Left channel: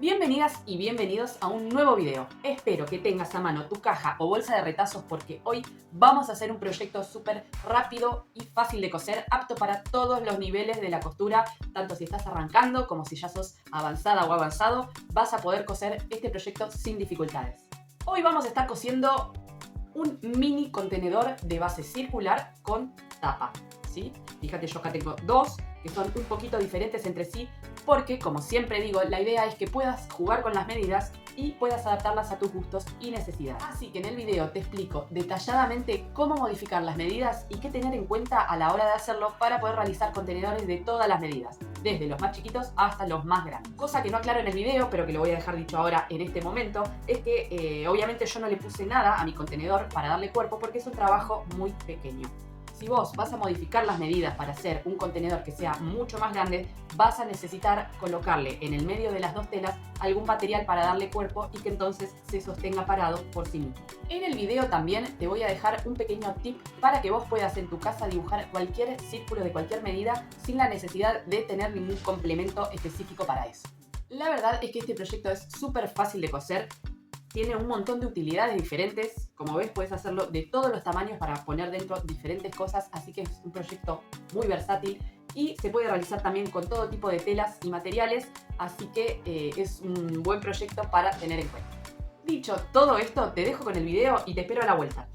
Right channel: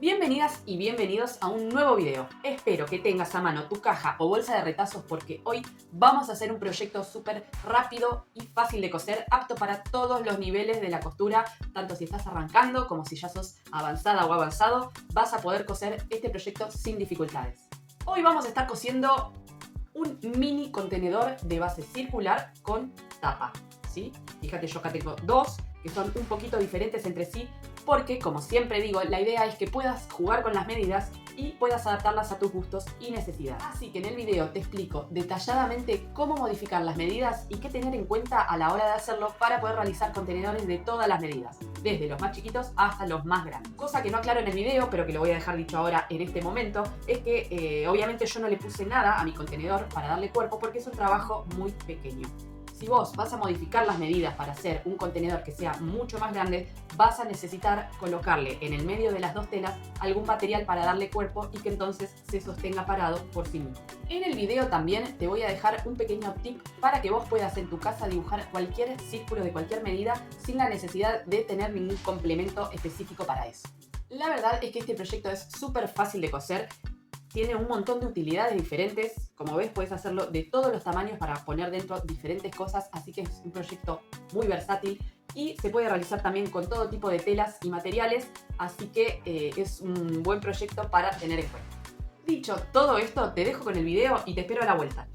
Bienvenidas y bienvenidos a un nuevo video. Espero que tengas a mano tu caja o bolsa de retazos porque hoy vamos a hacer un proyecto súper rápido y fácil de coser, apto para todos los niveles de la costura, tanto si estás arrancando como si ya sos avanzada o avanzado, vas a poder coser este proyecto sin dificultades. Hoy vamos a estar cosiendo un mini contenedor de base circular con tapa, ¿sí? Fíjate, yo acá tengo dos que son un poquito diferentes entre sí porque, como siempre digo, la idea es que puedas jugar con las medidas y puedas adaptarlas a tus gustos y necesidades. Así que en el video te explico detalladamente cómo modificar las medidas y qué tener en cuenta a la hora de hacerlo para poder realizar contenedores de todas las medidas, desde los más chiquitos hasta los más grandes. Cosa que no aclaro en el video, pero que lo voy a dejar dicho ahora en este momento, es que obviamente yo no le puse nada a mi contenedor para darle cuerpo porque es un trabajo muy pequeño. Si vos vas a modificar las medidas para hacer un contenedor que sea mucho más grande, vas a necesitar colocarle en el medio de las dos telas algún material para darle cuerpo y que entonces se sostenga parado por sí mismo. En el video también te voy a dejar un pequeño tip para que vos puedas en tu casa dibujar cualquier círculo de cualquier medida sin la necesidad de tener ningún complemento específico para eso. La verdad es que este proyecto es súper fácil de coser. Tiene un montón de utilidades diferentes. Como ves, puedes hacerlo de todos los tamaños para poner dentro diferentes cosas, así que es un proyecto muy versátil y se puede realizar también con todo tipo de telas y materiales, así que es un buen proyecto para tener en cuenta. Dicho todo esto, te dejo con el video y te espero a la vuelta.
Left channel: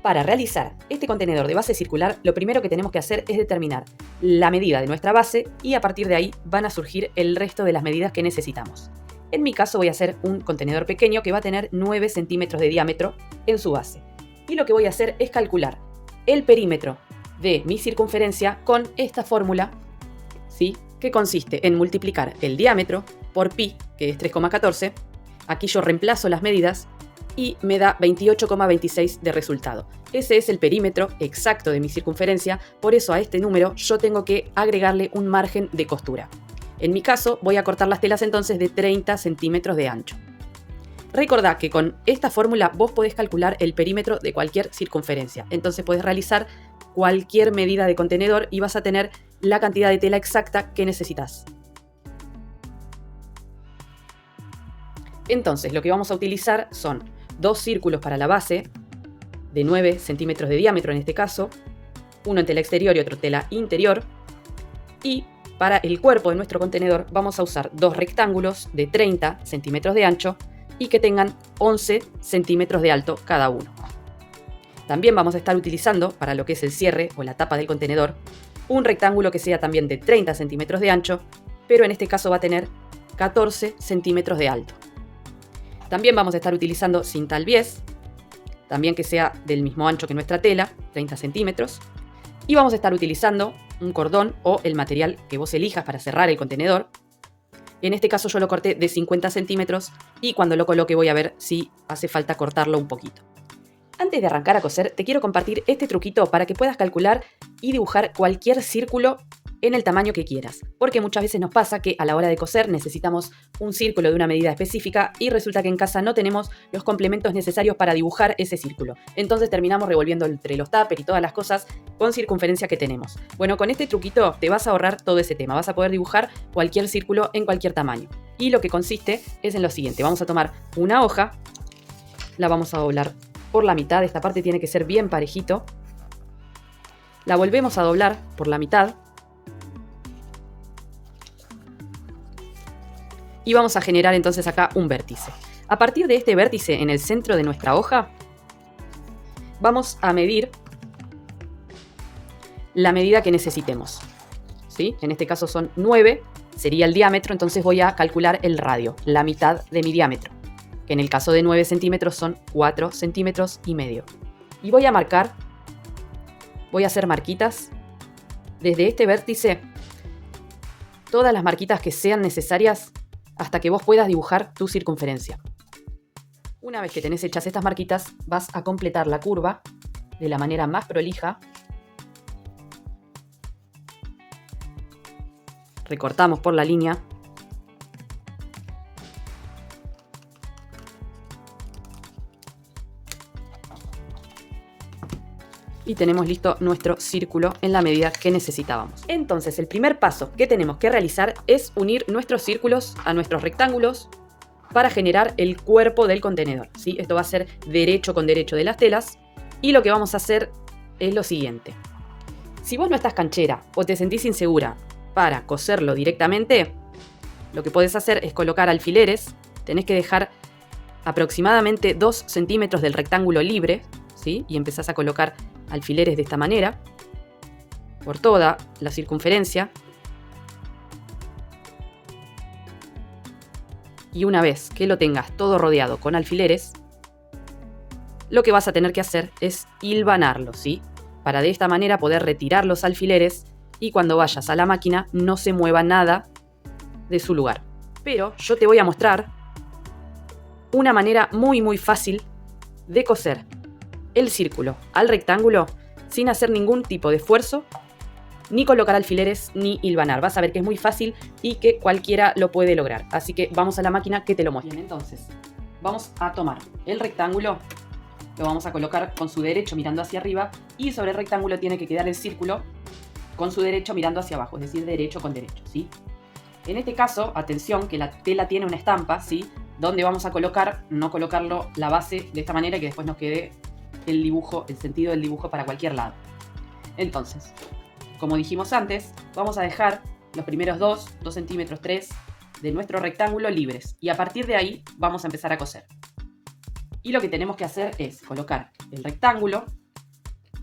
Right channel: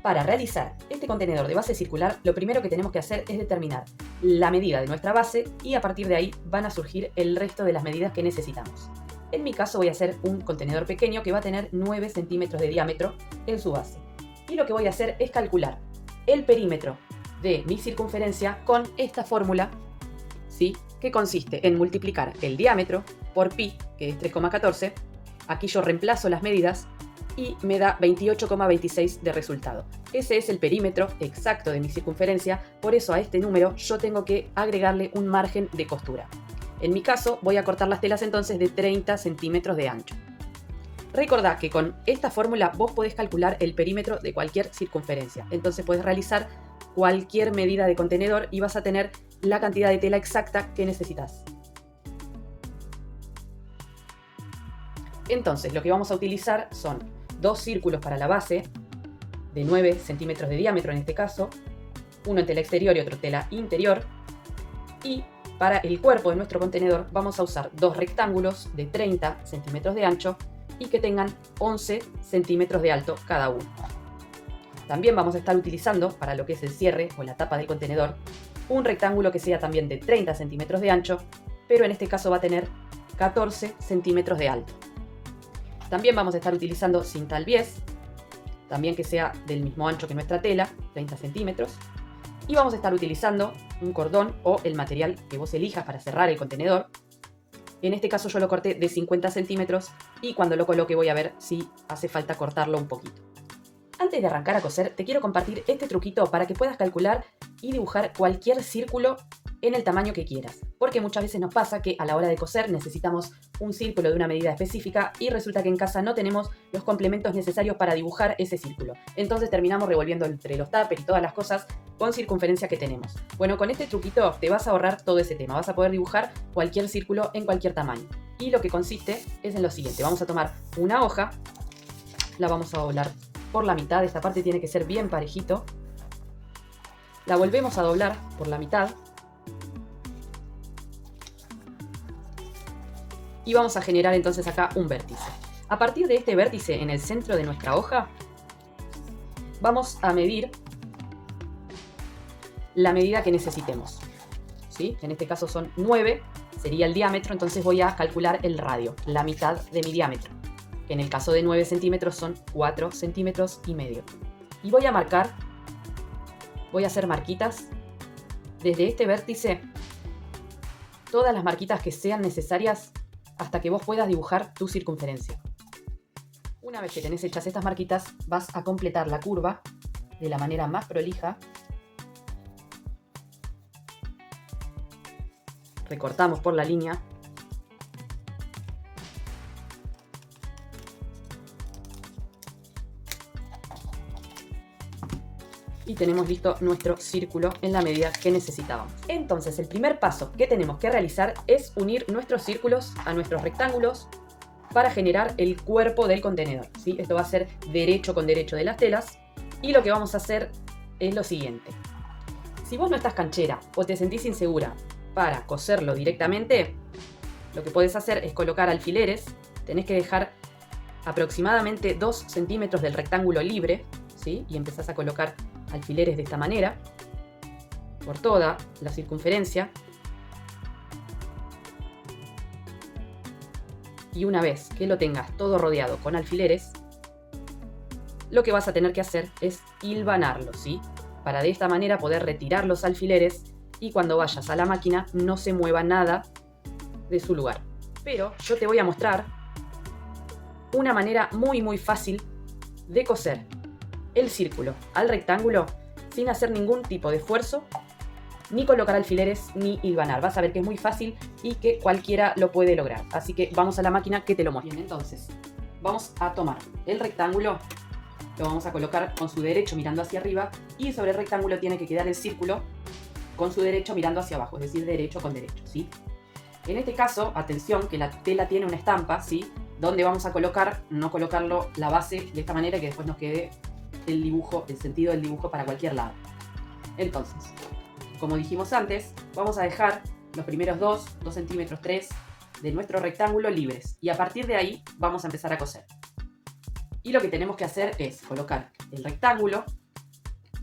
Para realizar este contenedor de base circular, lo primero que tenemos que hacer es determinar la medida de nuestra base y a partir de ahí van a surgir el resto de las medidas que necesitamos. En mi caso voy a hacer un contenedor pequeño que va a tener 9 centímetros de diámetro en su base. Y lo que voy a hacer es calcular el perímetro de mi circunferencia con esta fórmula, ¿sí? Que consiste en multiplicar el diámetro por pi, que es 3,14. Aquí yo reemplazo las medidas y me da 28,26 de resultado. Ese es el perímetro exacto de mi circunferencia, por eso a este número yo tengo que agregarle un margen de costura. En mi caso, voy a cortar las telas entonces de 30 centímetros de ancho. Recordá que con esta fórmula vos podés calcular el perímetro de cualquier circunferencia. Entonces podés realizar cualquier medida de contenedor y vas a tener la cantidad de tela exacta que necesitas. Entonces, lo que vamos a utilizar son dos círculos para la base, de 9 centímetros de diámetro en este caso, uno en tela exterior y otro tela interior, y para el cuerpo de nuestro contenedor vamos a usar dos rectángulos de 30 centímetros de ancho y que tengan 11 centímetros de alto cada uno. También vamos a estar utilizando, para lo que es el cierre o la tapa del contenedor, un rectángulo que sea también de 30 centímetros de ancho, pero en este caso va a tener 14 centímetros de alto. También vamos a estar utilizando cinta al bies, también que sea del mismo ancho que nuestra tela, 30 centímetros. Y vamos a estar utilizando un cordón o el material que vos elijas para cerrar el contenedor. En este caso yo lo corté de 50 centímetros y cuando lo coloque voy a ver si hace falta cortarlo un poquito. Antes de arrancar a coser, te quiero compartir este truquito para que puedas calcular y dibujar cualquier círculo en el tamaño que quieras. Porque muchas veces nos pasa que a la hora de coser necesitamos un círculo de una medida específica y resulta que en casa no tenemos los complementos necesarios para dibujar ese círculo. Entonces terminamos revolviendo entre los tuppers y todas las cosas con circunferencia que tenemos. Bueno, con este truquito te vas a ahorrar todo ese tema. Vas a poder dibujar cualquier círculo en cualquier tamaño. Y lo que consiste es en lo siguiente. Vamos a tomar una hoja, la vamos a doblar por la mitad. Esta parte tiene que ser bien parejito. La volvemos a doblar por la mitad. Y vamos a generar entonces acá un vértice. A partir de este vértice en el centro de nuestra hoja, vamos a medir la medida que necesitemos, ¿sí? En este caso son 9, sería el diámetro, entonces voy a calcular el radio, la mitad de mi diámetro. En el caso de 9 centímetros son 4 centímetros y medio. Y voy a marcar, voy a hacer marquitas desde este vértice, todas las marquitas que sean necesarias hasta que vos puedas dibujar tu circunferencia. Una vez que tenés hechas estas marquitas, vas a completar la curva de la manera más prolija. Recortamos por la línea. y tenemos listo nuestro círculo en la medida que necesitábamos. Entonces, el primer paso que tenemos que realizar es unir nuestros círculos a nuestros rectángulos para generar el cuerpo del contenedor, ¿sí? Esto va a ser derecho con derecho de las telas, y lo que vamos a hacer es lo siguiente. Si vos no estás canchera o te sentís insegura para coserlo directamente, lo que podés hacer es colocar alfileres. Tenés que dejar aproximadamente 2 centímetros del rectángulo libre, ¿sí? Y empezás a colocar alfileres de esta manera por toda la circunferencia. Y una vez que lo tengas todo rodeado con alfileres, lo que vas a tener que hacer es hilvanarlo, ¿sí? Para de esta manera poder retirar los alfileres y cuando vayas a la máquina no se mueva nada de su lugar. Pero yo te voy a mostrar una manera muy fácil de coser el círculo al rectángulo sin hacer ningún tipo de esfuerzo, ni colocar alfileres, ni hilvanar. Vas a ver que es muy fácil y que cualquiera lo puede lograr. Así que vamos a la máquina que te lo muestre. Bien, entonces, vamos a tomar el rectángulo, lo vamos a colocar con su derecho mirando hacia arriba y sobre el rectángulo tiene que quedar el círculo con su derecho mirando hacia abajo, es decir, derecho con derecho, ¿sí? En este caso, atención, que la tela tiene una estampa, ¿sí? Donde vamos a colocar, no colocarlo la base de esta manera que después nos quede el dibujo, el sentido del dibujo para cualquier lado. Entonces, como dijimos antes, vamos a dejar los primeros 2 centímetros 3 de nuestro rectángulo libres y a partir de ahí vamos a empezar a coser. Y lo que tenemos que hacer es colocar el rectángulo,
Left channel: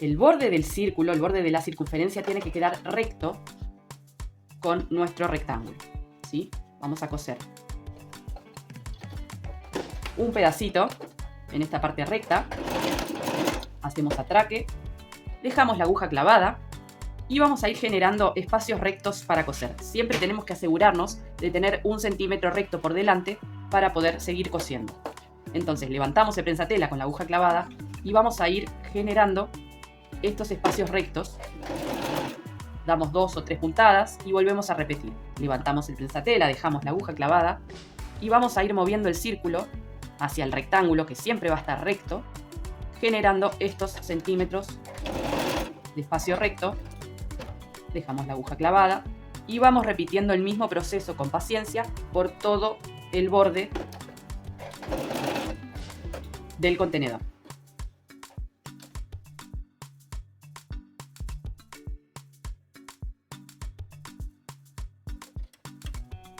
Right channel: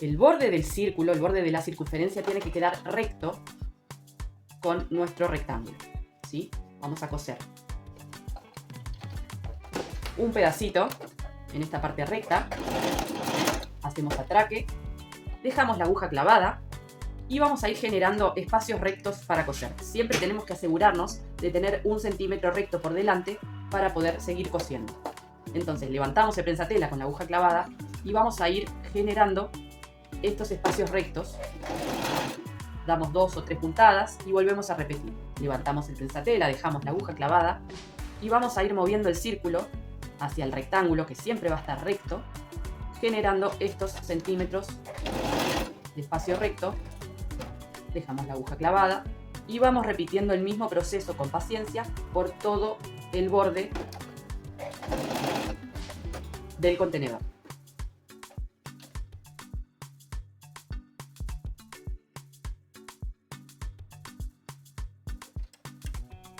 el borde del círculo, el borde de la circunferencia tiene que quedar recto con nuestro rectángulo, ¿sí? Vamos a coser un pedacito en esta parte recta, hacemos atraque, dejamos la aguja clavada y vamos a ir generando espacios rectos para coser. Siempre tenemos que asegurarnos de tener 1 centímetro recto por delante para poder seguir cosiendo. Entonces levantamos el prensatela con la aguja clavada y vamos a ir generando estos espacios rectos. Damos 2 o 3 puntadas y volvemos a repetir. Levantamos el prensatela, dejamos la aguja clavada y vamos a ir moviendo el círculo hacia el rectángulo que siempre va a estar recto, generando estos centímetros de espacio recto. Dejamos la aguja clavada y vamos repitiendo el mismo proceso con paciencia por todo el borde del contenedor.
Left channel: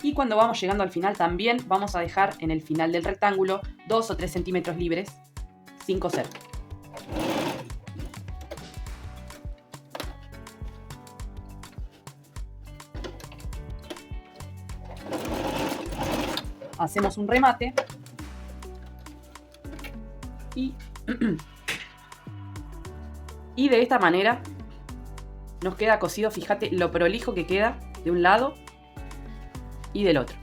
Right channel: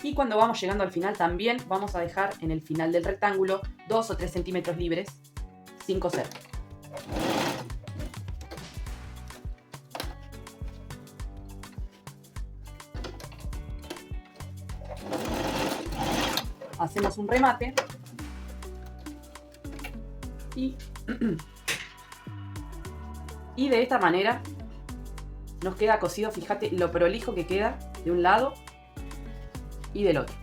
Y cuando vamos llegando al final también vamos a dejar en el final del rectángulo 2 o 3 centímetros libres sin coser. Hacemos un remate y de esta manera nos queda cosido. Fíjate lo prolijo que queda de un lado y del otro.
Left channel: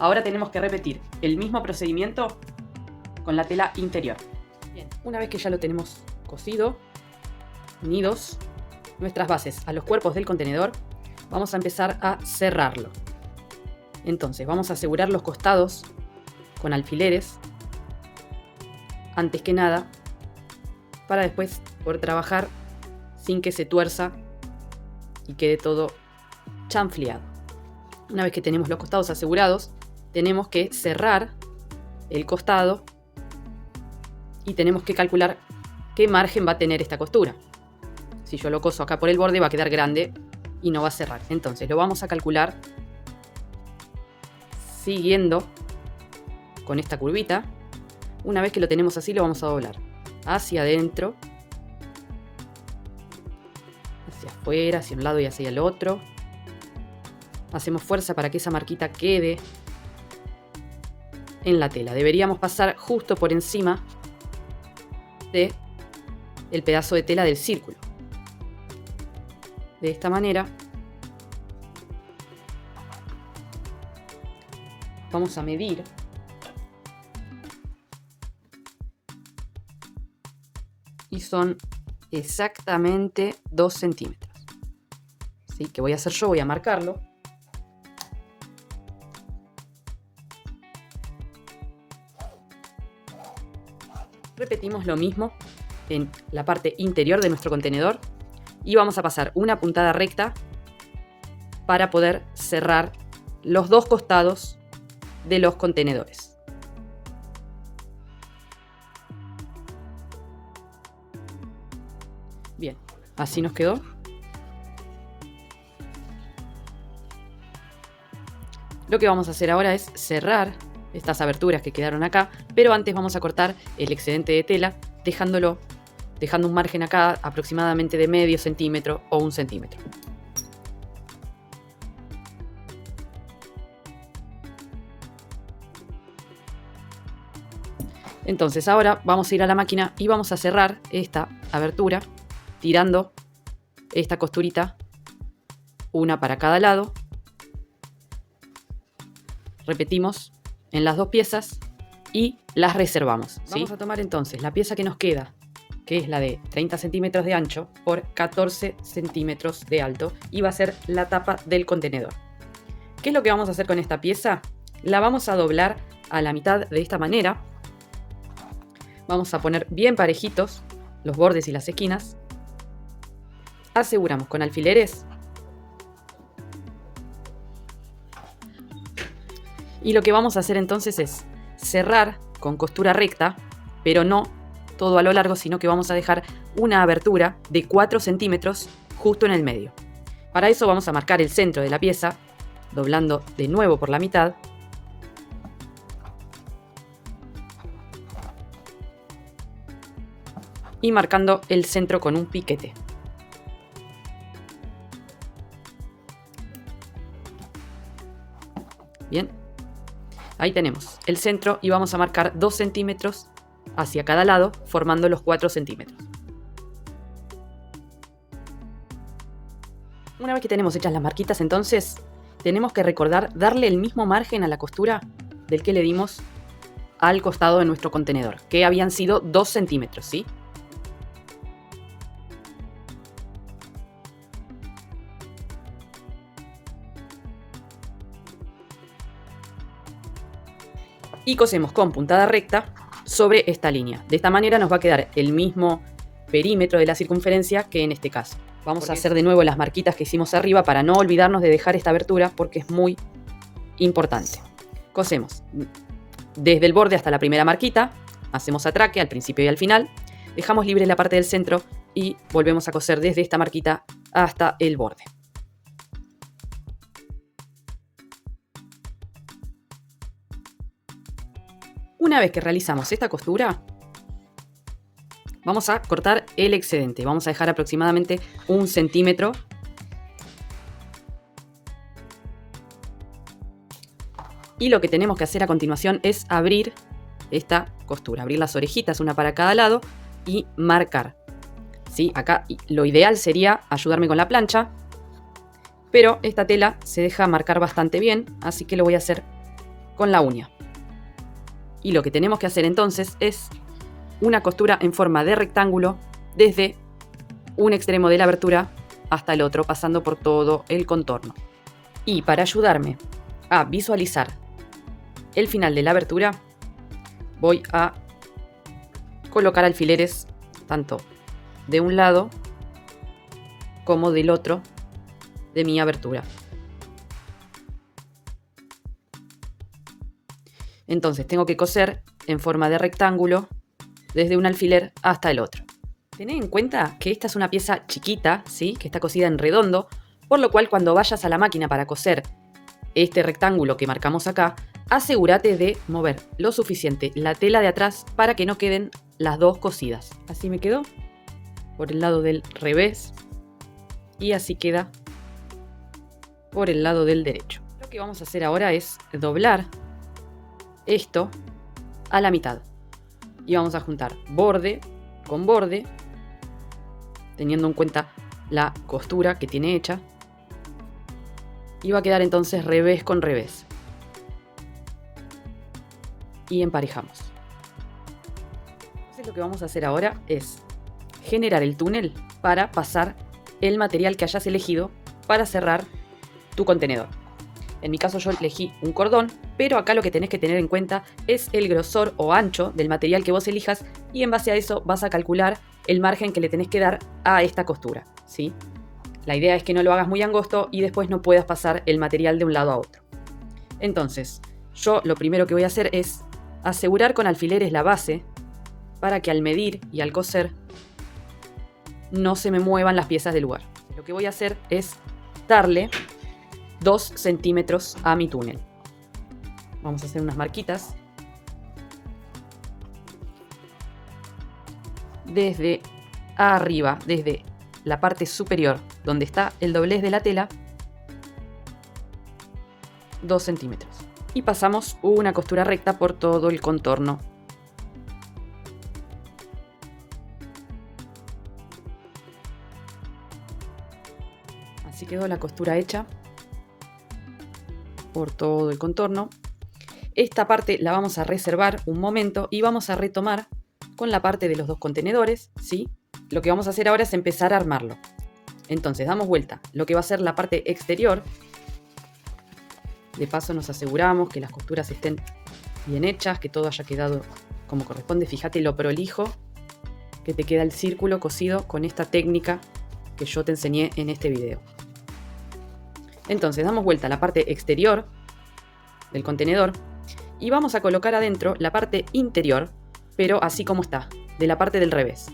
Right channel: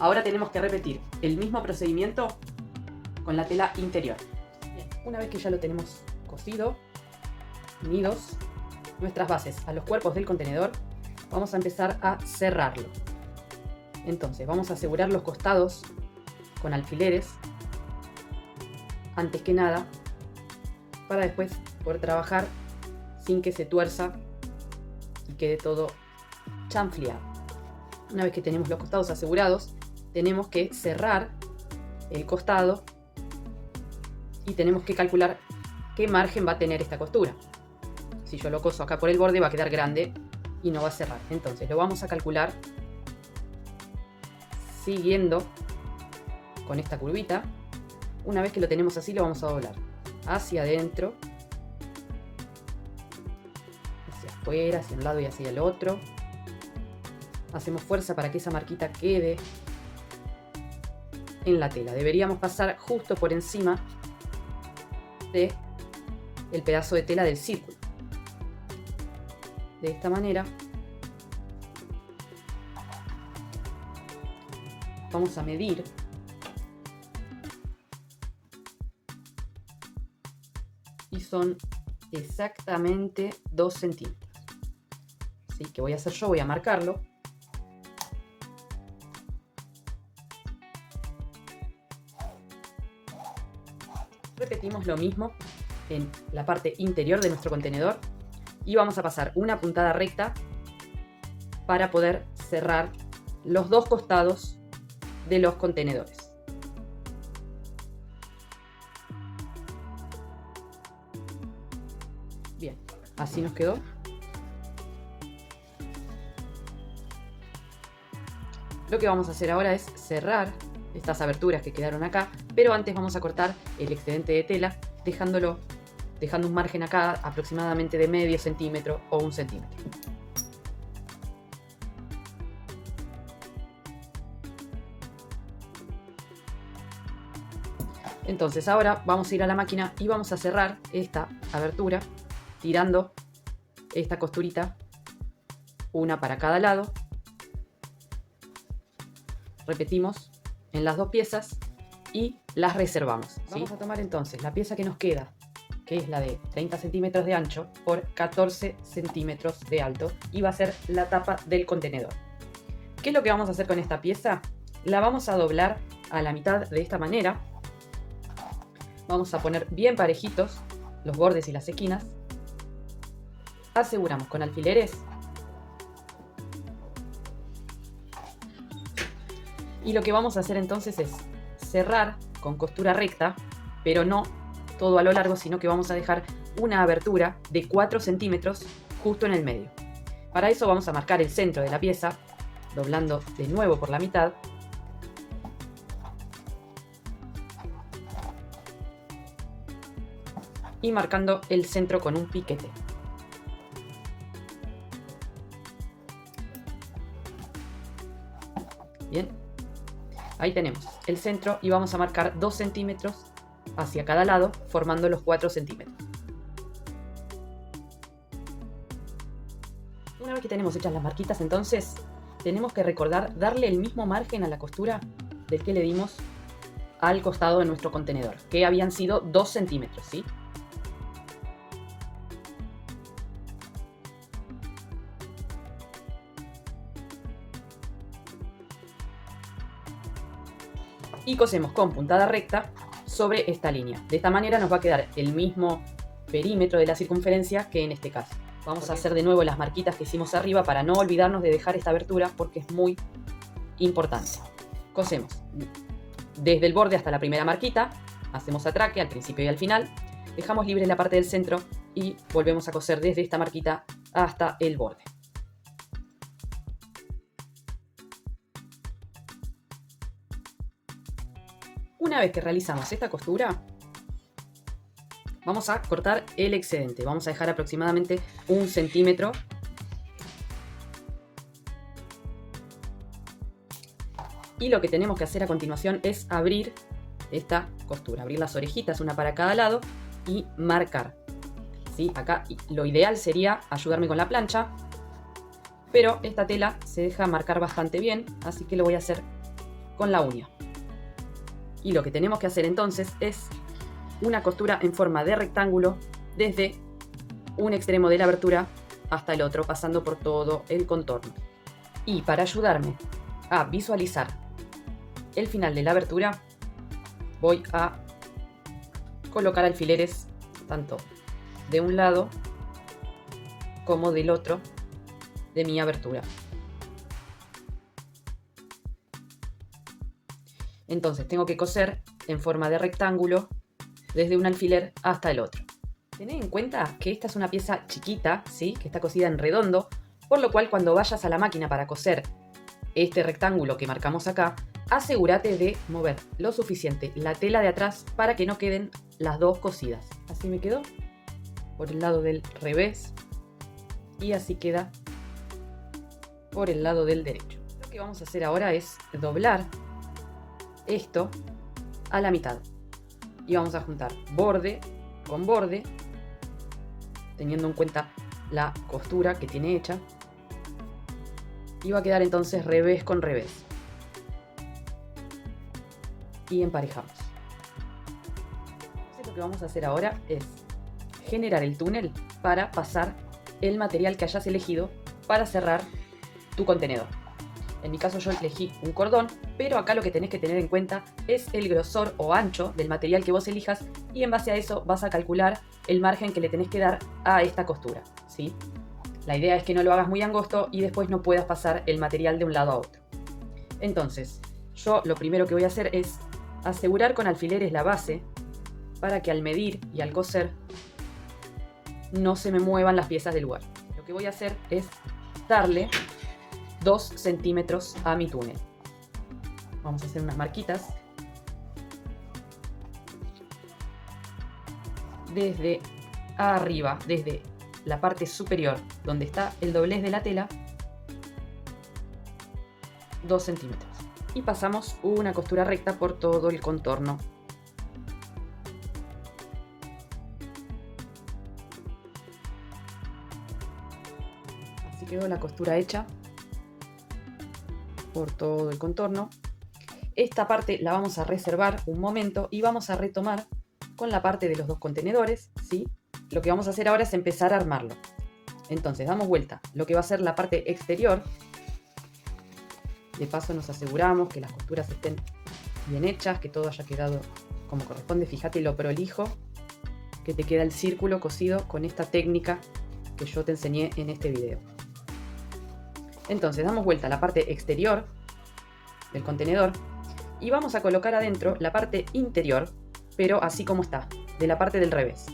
Ahora tenemos que repetir el mismo procedimiento con la tela interior. Bien, una vez que ya lo tenemos cosido, unidos nuestras bases a los cuerpos del contenedor, vamos a empezar a cerrarlo. Entonces vamos a asegurar los costados con alfileres antes que nada para después poder trabajar sin que se tuerza y quede todo chanfleado. Una vez que tenemos los costados asegurados, tenemos que cerrar el costado y tenemos que calcular qué margen va a tener esta costura. Si yo lo coso acá por el borde va a quedar grande y no va a cerrar. Entonces lo vamos a calcular siguiendo con esta curvita. Una vez que lo tenemos así, lo vamos a doblar hacia adentro, hacia afuera, hacia un lado y hacia el otro. Hacemos fuerza para que esa marquita quede en la tela. Deberíamos pasar justo por encima de el pedazo de tela del círculo. De esta manera vamos a medir y son exactamente 2 centímetros. ¿Sí? ¿Qué voy a hacer yo? Voy a marcarlo. Repetimos lo mismo en la parte interior de nuestro contenedor y vamos a pasar una puntada recta para poder cerrar los dos costados de los contenedores. Bien, así nos quedó. Lo que vamos a hacer ahora es cerrar estas aberturas que quedaron acá, pero antes vamos a cortar el excedente de tela dejando un margen acá aproximadamente de medio centímetro o 1 centímetro. Entonces ahora vamos a ir a la máquina y vamos a cerrar esta abertura tirando esta costurita, una para cada lado. Repetimos en las dos piezas y las reservamos, ¿sí? Vamos a tomar entonces la pieza que nos queda, que es la de 30 centímetros de ancho por 14 centímetros de alto, y va a ser la tapa del contenedor. ¿Qué es lo que vamos a hacer con esta pieza? La vamos a doblar a la mitad de esta manera. Vamos a poner bien parejitos los bordes y las esquinas. Aseguramos con alfileres. Y lo que vamos a hacer entonces es cerrar con costura recta, pero no todo a lo largo, sino que vamos a dejar una abertura de 4 centímetros justo en el medio. Para eso vamos a marcar el centro de la pieza, doblando de nuevo por la mitad. Y marcando el centro con un piquete. Bien, ahí tenemos el centro y vamos a marcar 2 centímetros hacia cada lado, formando los 4 centímetros. Una vez que tenemos hechas las marquitas, entonces tenemos que recordar darle el mismo margen a la costura del que le dimos al costado de nuestro contenedor, que habían sido 2 centímetros, ¿sí? Y cosemos con puntada recta sobre esta línea. De esta manera nos va a quedar el mismo perímetro de la circunferencia que en este caso. Vamos a hacer de nuevo las marquitas que hicimos arriba para no olvidarnos de dejar esta abertura porque es muy importante. Cosemos desde el borde hasta la primera marquita, hacemos atraque al principio y al final, dejamos libre la parte del centro y volvemos a coser desde esta marquita hasta el borde. Una vez que realizamos esta costura, vamos a cortar el excedente. Vamos a dejar aproximadamente 1 centímetro. Y lo que tenemos que hacer a continuación es abrir esta costura, abrir las orejitas, una para cada lado, y marcar. ¿Sí? Acá lo ideal sería ayudarme con la plancha, pero esta tela se deja marcar bastante bien, así que lo voy a hacer con la uña. Y lo que tenemos que hacer entonces es una costura en forma de rectángulo desde un extremo de la abertura hasta el otro, pasando por todo el contorno. Y para ayudarme a visualizar el final de la abertura, voy a colocar alfileres tanto de un lado como del otro de mi abertura. Entonces tengo que coser en forma de rectángulo desde un alfiler hasta el otro. Tened en cuenta que esta es una pieza chiquita, ¿sí? Que está cosida en redondo, por lo cual cuando vayas a la máquina para coser este rectángulo que marcamos acá, asegúrate de mover lo suficiente la tela de atrás para que no queden las dos cosidas. Así me quedó por el lado del revés y así queda por el lado del derecho. Lo que vamos a hacer ahora es doblar esto a la mitad y vamos a juntar borde con borde, teniendo en cuenta la costura que tiene hecha, y va a quedar entonces revés con revés y emparejamos. Entonces lo que vamos a hacer ahora es generar el túnel para pasar el material que hayas elegido para cerrar tu contenedor. En mi caso yo elegí un cordón pero acá lo que tenés que tener en cuenta es el grosor o ancho del material que vos elijas y en base a eso vas a calcular el margen que le tenés que dar a esta costura, ¿sí? La idea es que no lo hagas muy angosto y después no puedas pasar el material de un lado a otro. Entonces, yo lo primero que voy a hacer es asegurar con alfileres la base para que al medir y al coser no se me muevan las piezas del lugar. Lo que voy a hacer es darle 2 centímetros a mi túnel. Vamos a hacer unas marquitas. Desde arriba, desde la parte superior, donde está el doblez de la tela, 2 centímetros. Y pasamos una costura recta por todo el contorno. Así quedó la costura hecha por todo el contorno. Esta parte la vamos a reservar un momento y vamos a retomar con la parte de los 2 contenedores, ¿sí? Lo que vamos a hacer ahora es empezar a armarlo. Entonces damos vuelta lo que va a ser la parte exterior. De paso nos aseguramos que las costuras estén bien hechas, que todo haya quedado como corresponde. Fíjate lo prolijo que te queda el círculo cosido con esta técnica que yo te enseñé en este video. Entonces damos vuelta a la parte exterior del contenedor y vamos a colocar adentro la parte interior, pero así como está, de la parte del revés,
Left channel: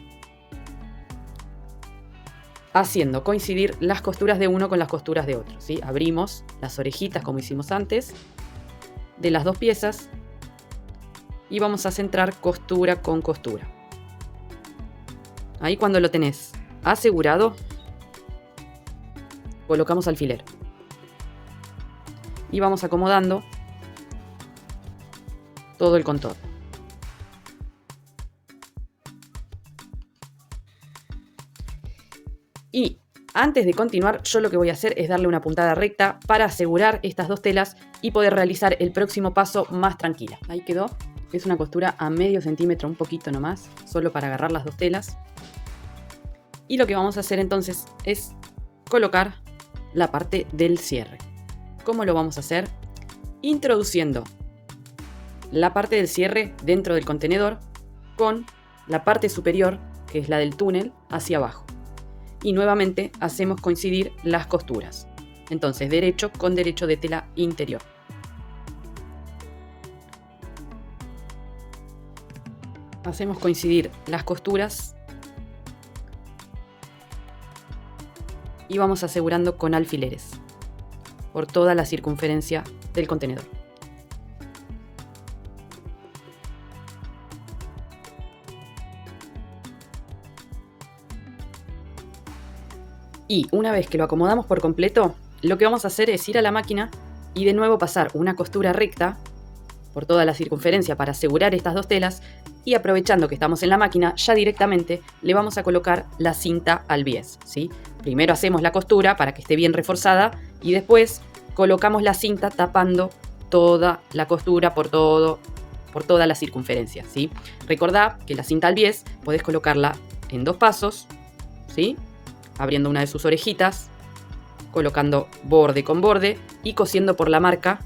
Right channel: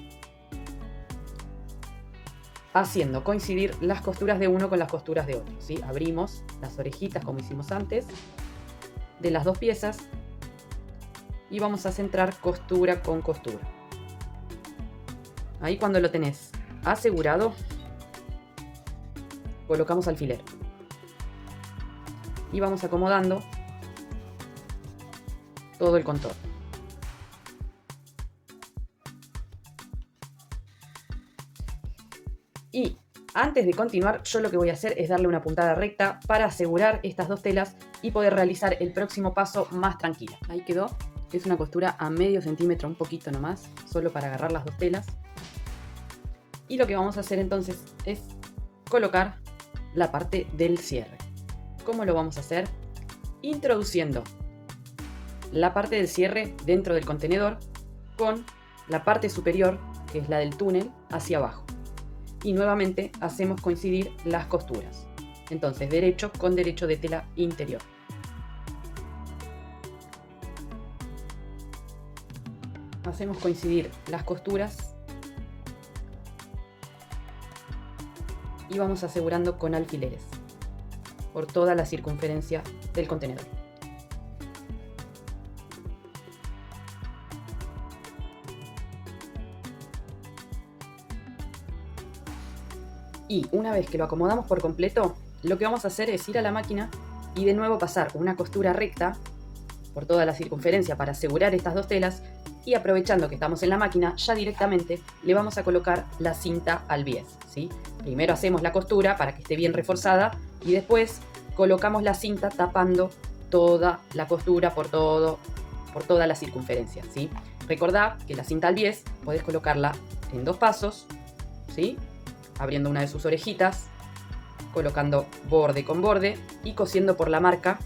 haciendo coincidir las costuras de uno con las costuras de otro, ¿sí? Abrimos las orejitas como hicimos antes de las 2 piezas y vamos a centrar costura con costura. Ahí cuando lo tenés asegurado, colocamos alfiler y vamos acomodando todo el contorno. Y antes de continuar, yo lo que voy a hacer es darle una puntada recta para asegurar estas 2 telas y poder realizar el próximo paso más tranquila. Ahí quedó. Es una costura a medio centímetro, un poquito nomás, solo para agarrar las 2 telas. Y lo que vamos a hacer entonces es colocar la parte del cierre. ¿Cómo lo vamos a hacer? Introduciendo la parte del cierre dentro del contenedor con la parte superior, que es la del túnel, hacia abajo. Y nuevamente hacemos coincidir las costuras. Entonces, derecho con derecho de tela interior. Hacemos coincidir las costuras y vamos asegurando con alfileres por toda la circunferencia del contenedor. Y una vez que lo acomodamos por completo, lo que vamos a hacer es ir a la máquina y de nuevo pasar una costura recta por toda la circunferencia para asegurar estas 2 telas y aprovechando que estamos en la máquina, ya directamente le vamos a colocar la cinta al bies, ¿sí? Primero hacemos la costura para que esté bien reforzada y después colocamos la cinta tapando toda la costura por toda la circunferencia, ¿sí? Recordá que la cinta al bies podés colocarla en 2 pasos, ¿sí? Abriendo una de sus orejitas, colocando borde con borde y cosiendo por la marca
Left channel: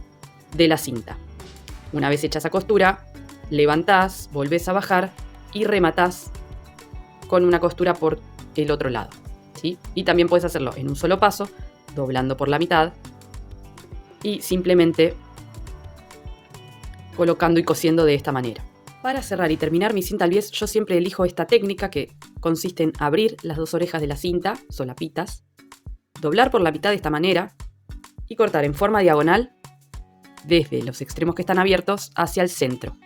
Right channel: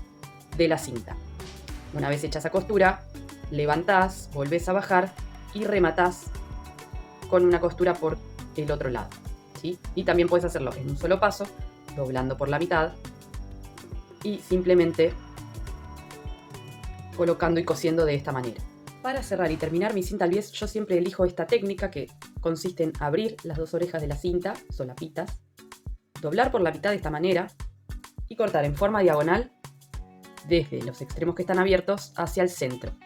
de la cinta. Una vez hecha esa costura, levantás, volvés a bajar y rematás con una costura por el otro lado, ¿sí? Y también puedes hacerlo en un solo paso, doblando por la mitad y simplemente colocando y cosiendo de esta manera. Para cerrar y terminar mi cinta al bies, yo siempre elijo esta técnica que consiste en abrir las 2 orejas de la cinta, solapitas, doblar por la mitad de esta manera y cortar en forma diagonal desde los extremos que están abiertos hacia el centro.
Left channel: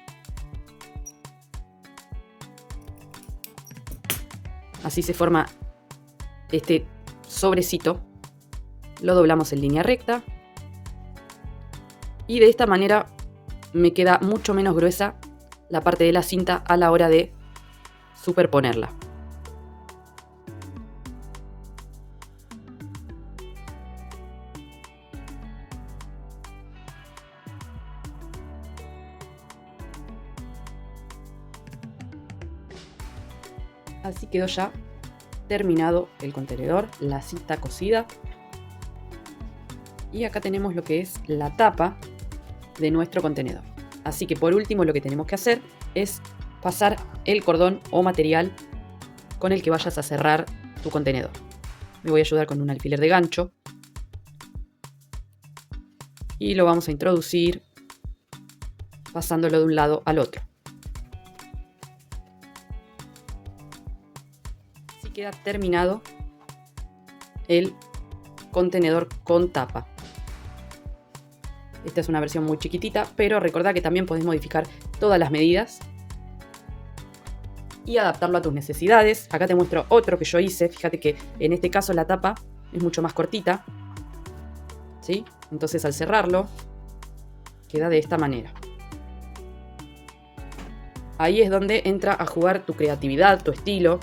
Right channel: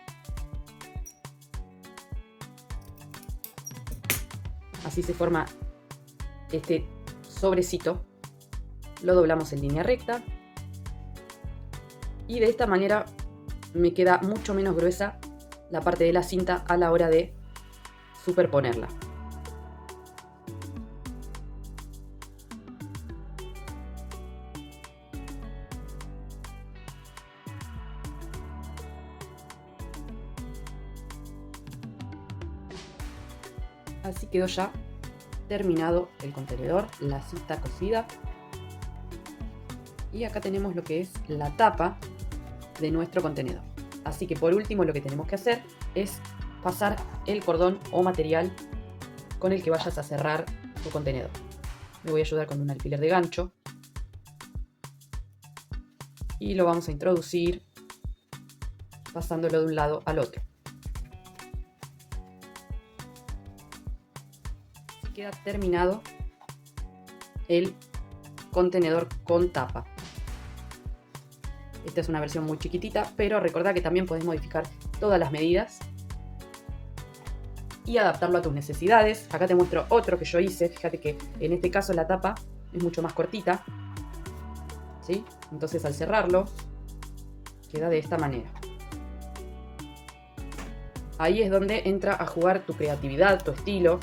Así se forma este sobrecito. Lo doblamos en línea recta y de esta manera me queda mucho menos gruesa la parte de la cinta a la hora de superponerla. Así quedó ya terminado el contenedor, la cinta cosida. Y acá tenemos lo que es la tapa de nuestro contenedor. Así que por último lo que tenemos que hacer es pasar el cordón o material con el que vayas a cerrar tu contenedor. Me voy a ayudar con un alfiler de gancho y lo vamos a introducir pasándolo de un lado al otro. Así queda terminado el contenedor con tapa. Esta es una versión muy chiquitita, pero recordá que también podés modificar todas las medidas y adaptarlo a tus necesidades. Acá te muestro otro que yo hice. Fíjate que en este caso la tapa es mucho más cortita, ¿sí? Entonces al cerrarlo queda de esta manera. Ahí es donde entra a jugar tu creatividad, tu estilo,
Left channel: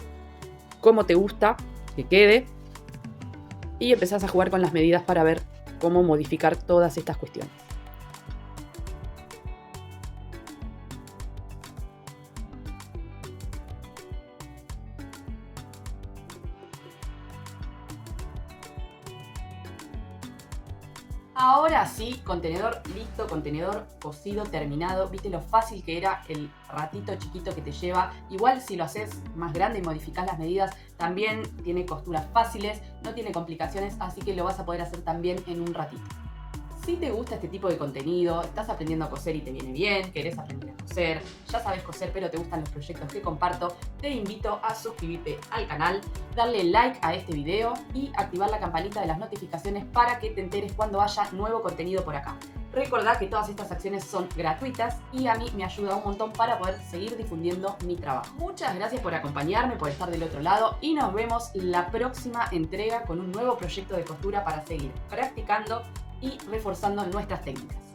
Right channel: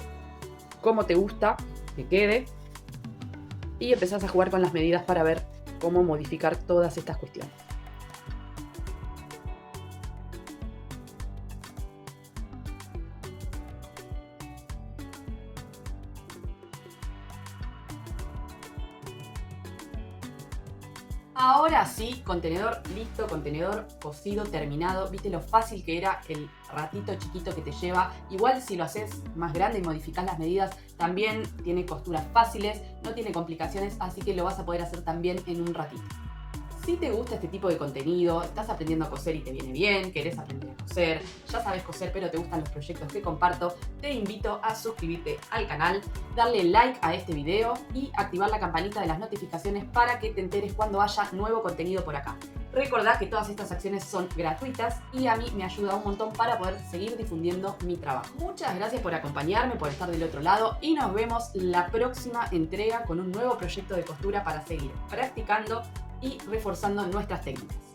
cómo te gusta que quede, y empezás a jugar con las medidas para ver cómo modificar todas estas cuestiones. Ahora sí, contenedor listo, contenedor cosido, terminado. ¿Viste lo fácil que era el ratito chiquito que te lleva? Igual si lo haces más grande y modificás las medidas, también tiene costuras fáciles, no tiene complicaciones, así que lo vas a poder hacer también en un ratito. Si te gusta este tipo de contenido, estás aprendiendo a coser y te viene bien, querés aprender a coser, ya sabes coser pero te gustan los proyectos que comparto, te invito a suscribirte al canal, darle like a este video y activar la campanita de las notificaciones para que te enteres cuando haya nuevo contenido por acá. Recordá que todas estas acciones son gratuitas y a mí me ayuda un montón para poder seguir difundiendo mi trabajo. Muchas gracias por acompañarme, por estar del otro lado y nos vemos la próxima entrega con un nuevo proyecto de costura para seguir practicando y reforzando nuestras técnicas.